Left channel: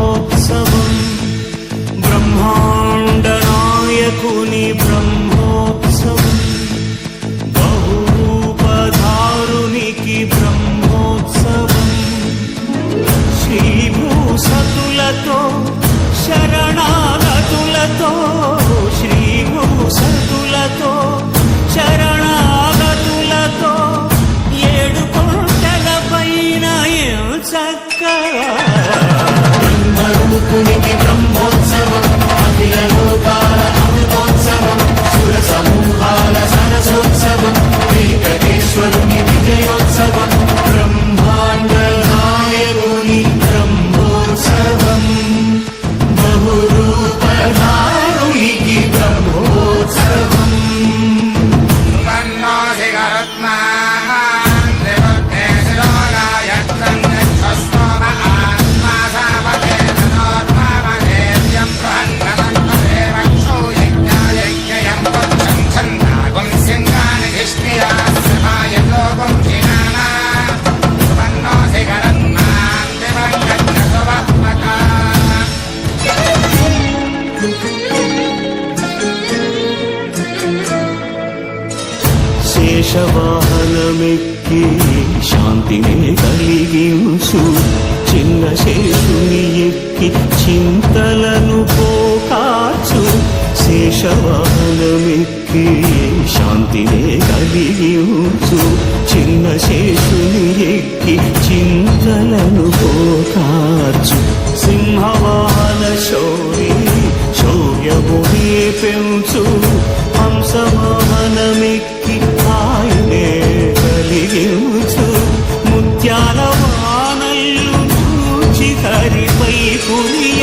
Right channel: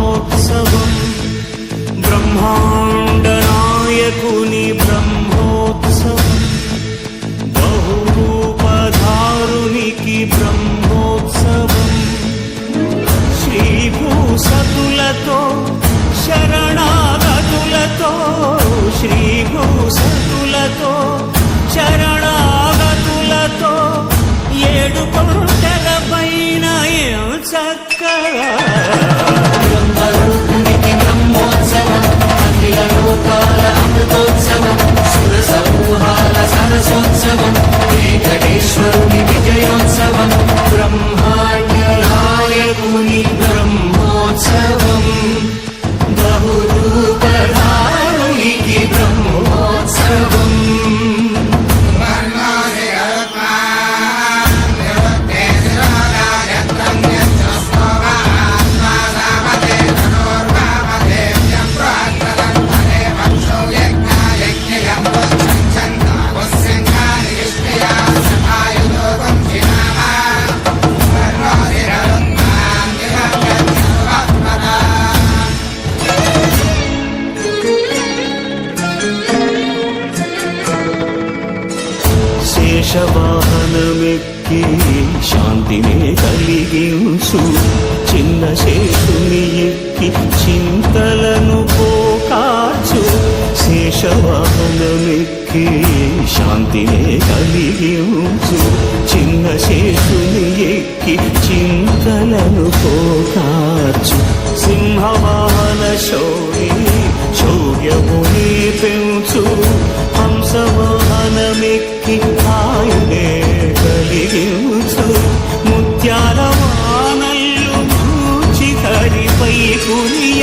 బ్రహ్మోత్సవం బ్రహ్మాండ నాయకుని బ్రహ్మోత్సవం బహురూపధారునికి బ్రహ్మోత్సవం శ్రీభూసతులతో శరణాగతులతో శ్రీభూసతులతో శరణాగతులతో 7 కొండల పైన చక్కగా బ్రహ్మరూపునికి బ్రహ్మోత్సవం అఖిల లోకాల అమృతోత్సవం సుర సమూహాల సరసోత్సవం వెంకటేశ్వరుని విజయోత్సవం బ్రహ్మాండ నాయకుని బ్రహ్మోత్సవం బహురూపధారునికి బ్రహ్మోత్సవం శేషవాహనమెక్కి శాంతినే కలిగించు చిన్న శేషుని ఎక్కి చింతలను పోకార్చు శేషవాహనమెక్కి శాంతినే కలిగించు చిన్న శేషుని ఎక్కి చింతలను పోకార్చు సింహవాహన శౌర్యముని పెంచు హంసవాహనమెక్కి ఆయనే కలిగించు ముత్యాల వానల్లు మూచి హరిపై కురియ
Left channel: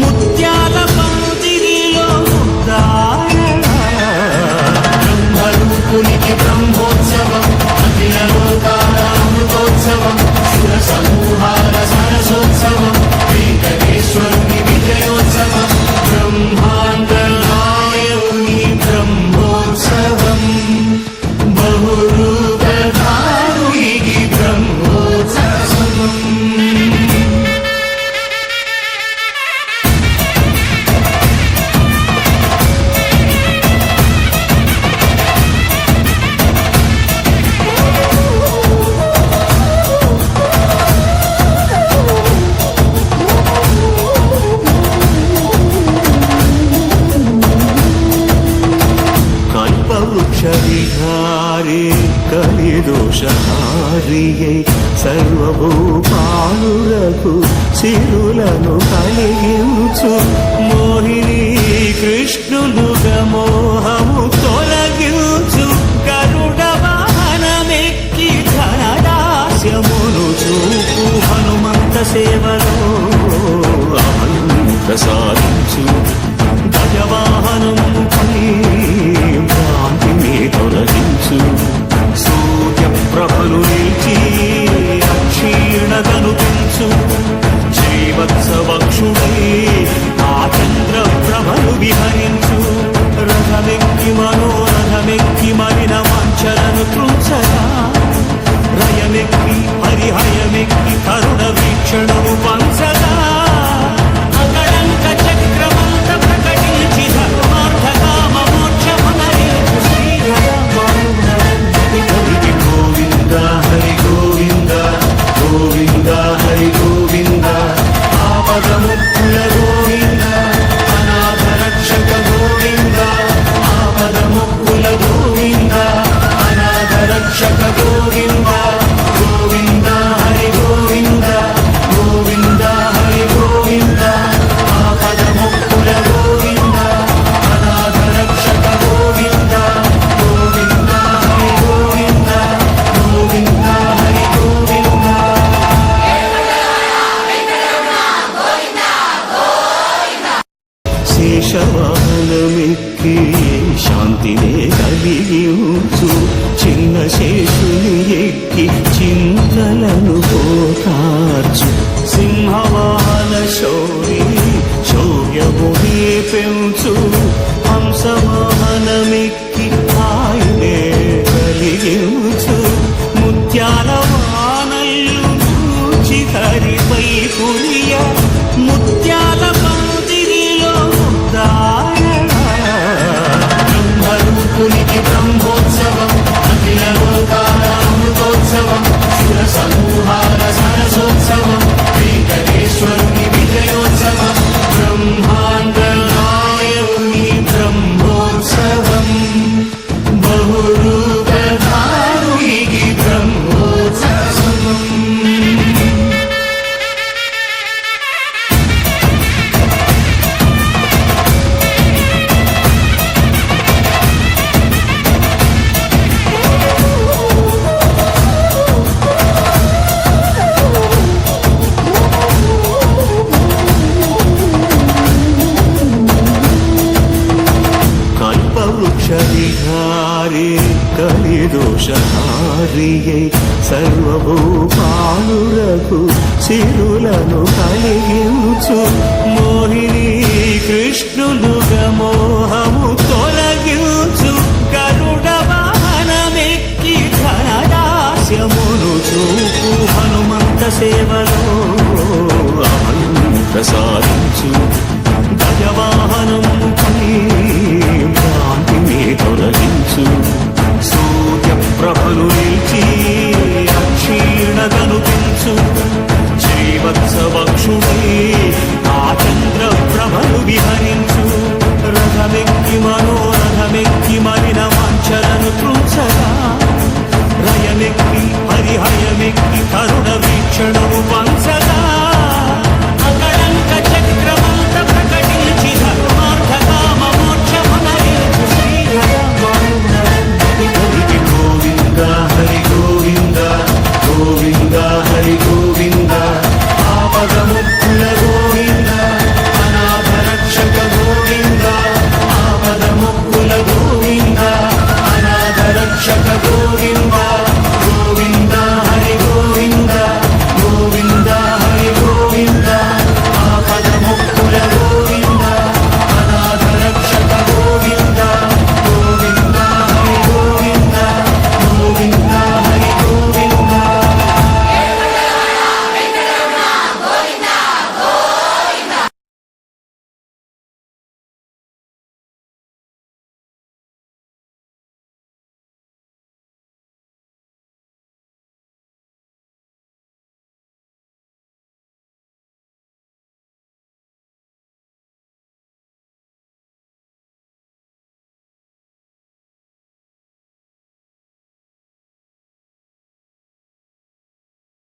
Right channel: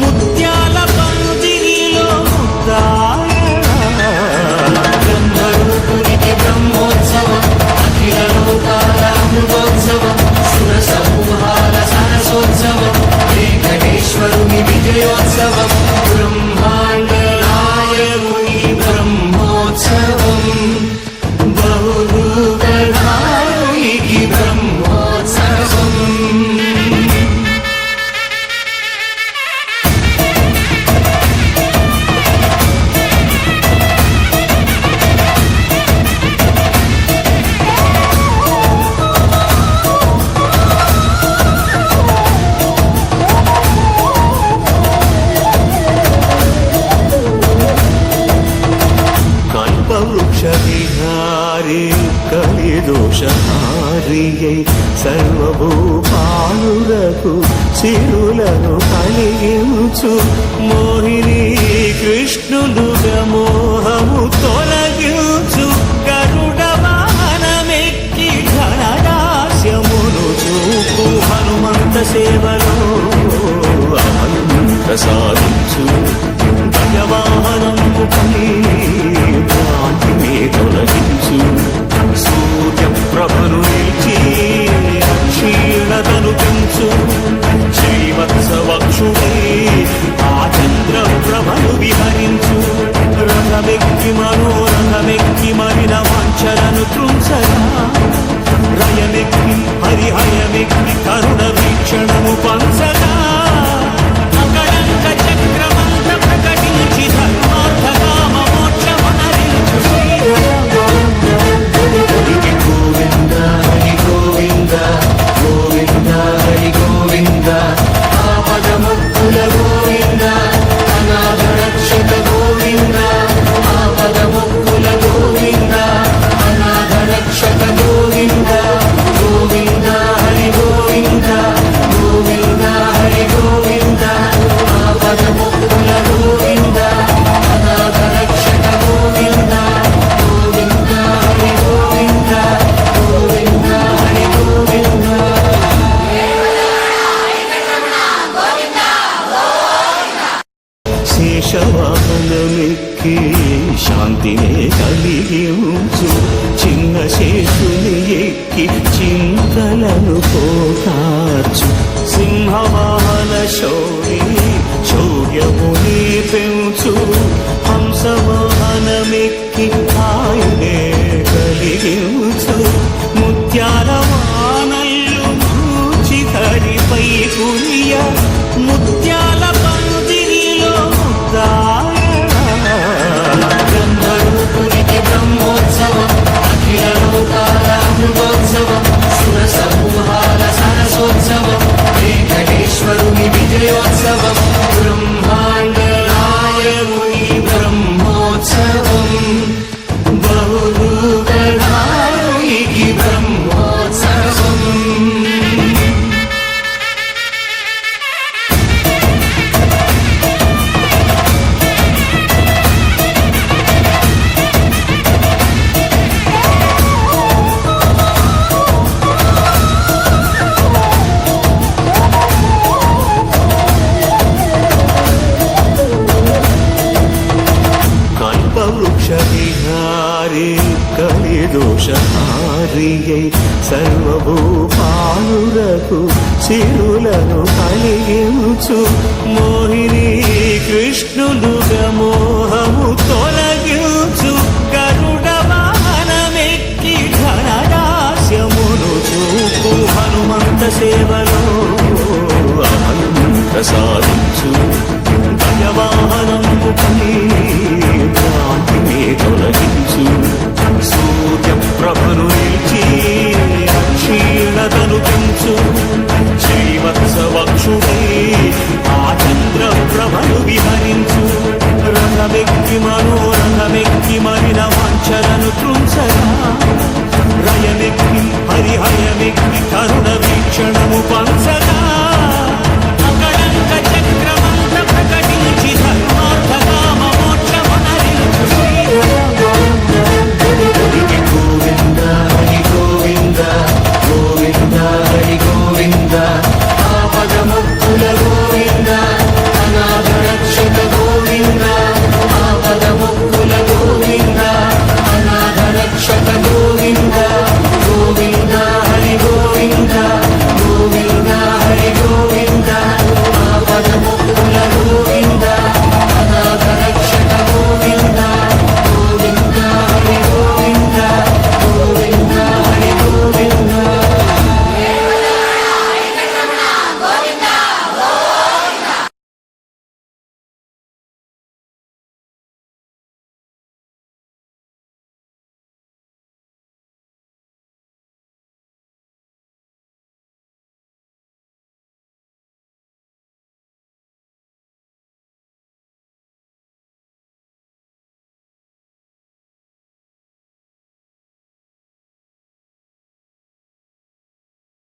ముత్యాల పందిరిలో ముద్దాయ బ్రహ్మరూపునికి బ్రహ్మోత్సవం అఖిల లోకాల అమృతోత్సవం సుర సమూహాల సరసోత్సవం వెంకటేశ్వరుని విజయోత్సవం బ్రహ్మాండ నాయకుని బ్రహ్మోత్సవం బహురూపధారునికి బ్రహ్మోత్సవం వృక్షవిహారే కలిదోషహారియై సర్వభూపాలురకు సిరులను కలిగించు మోహిని కృష్ణులుగా మోహము తొలగించు గరుడ వాహనమెక్కి ఘనదాస్యమును చూపు హనుమంత సేవలో అభయం ప్రసాదించు గజవాహనముపై భ్రాంతిని తొలగించు సూర్యప్రభను నిలిచి అక్షీణతను పెంచు శ్రీవత్సవక్షుడై ఆ చంద్రప్రభను విహరించు రథమెక్కి మనోరథమెక్కి మరిన వాంఛలను త్రుంచగా రయమెక్కి హరిహయమెక్కి కరుణ వీక్షణము పంచగా అకళంక చక్రమంత ప్రకటించి ధర్మార్థ కామ మోక్షమనరించు శ్రీధరమారుణి గోవింద హరి గోవింద గోవింద హరి గోవింద ఆపదముక్కుల గోవింద అనాథ రక్షక గోవింద ఆపదముక్కుల గోవింద అనాథ రక్షక గోవింద గోవింద హరి గోవింద గోవింద హరి గోవింద ఆపదముక్కుల గోవింద అనాథ రక్షక గోవింద గోవింద హరి గోవింద గోవింద హరి గోవింద శేషవాహనమెక్కి శాంతినే కలిగించు చిన్న శేషుని ఎక్కి చింతలను పోకార్చు సింహవాహన శౌర్యముని పెంచు హంసవాహనమెక్కి ఆయనే కలిగించు ముత్యాల వానల్లు మూచి హరిపై కురియ ముత్యాల పందిరిలో ముద్దారణ బ్రహ్మరూపునికి బ్రహ్మోత్సవం అఖిల లోకాల అమృతోత్సవం సుర సమూహాల సరసోత్సవం వెంకటేశ్వరుని విజయోత్సవం బ్రహ్మాండ నాయకుని బ్రహ్మోత్సవం బహురూపధారునికి బ్రహ్మోత్సవం. కల్పవృక్ష విహారీ కలిదోషహారియై సర్వభూపాలురకు సిరులను కలిగించు మోహిని కృష్ణులుగా మోహము తొలగించు గరుడ వాహనమెక్కి ఘనదాస్యమును చూపు హనుమంత సేవలో అభయం ప్రసాద